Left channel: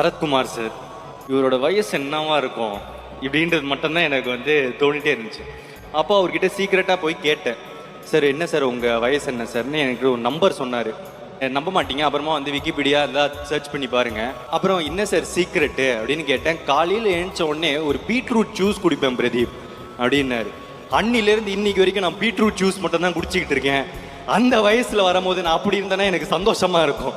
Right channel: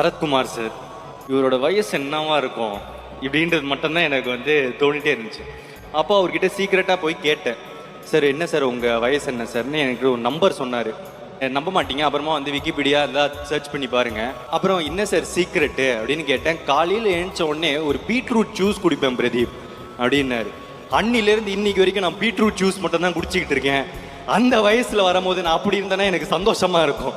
Sarathkumar sir, இவரோட வயசு என்னவா இருக்கும் இப்படின்றது மட்டும்தான் எனக்கு தோணிட்டே இருந்துச்சு. அப்போ அவர்கிட்ட சீக்கிரட்டாக போய் கேட்டேன், சார் என்ன சார் உங்கள் வயசு என்ன சார்னு எனக்கு ஒரு நம்பர் சொன்னார். நம்ப மாட்டீங்க, அப்புறமா விக்கிபீடியா இருந்தால் சர்ச் பண்ணி பாருங்க. அப்புறம் என்ன சார் சீக்ரெட்டு அப்படின்னு கேட்டேன். காலையில் எழுந்த உடனே ஒரு பீட்ரூட் ஜூஸ் குடிப்பேன் பிரதீப் அப்படின்னாரு. அன்னிலேருந்து இன்னைக்கு வரைக்கும் நான் பீட்ரூட் ஜூஸ் மட்டும் தான் குடிச்சிக்கிட்டு இருக்கேன். அந்த வயசில் வரும்போது நான் அப்படி இருந்தேன்னா எனக்கு சந்தோஷமா இருக்கும்.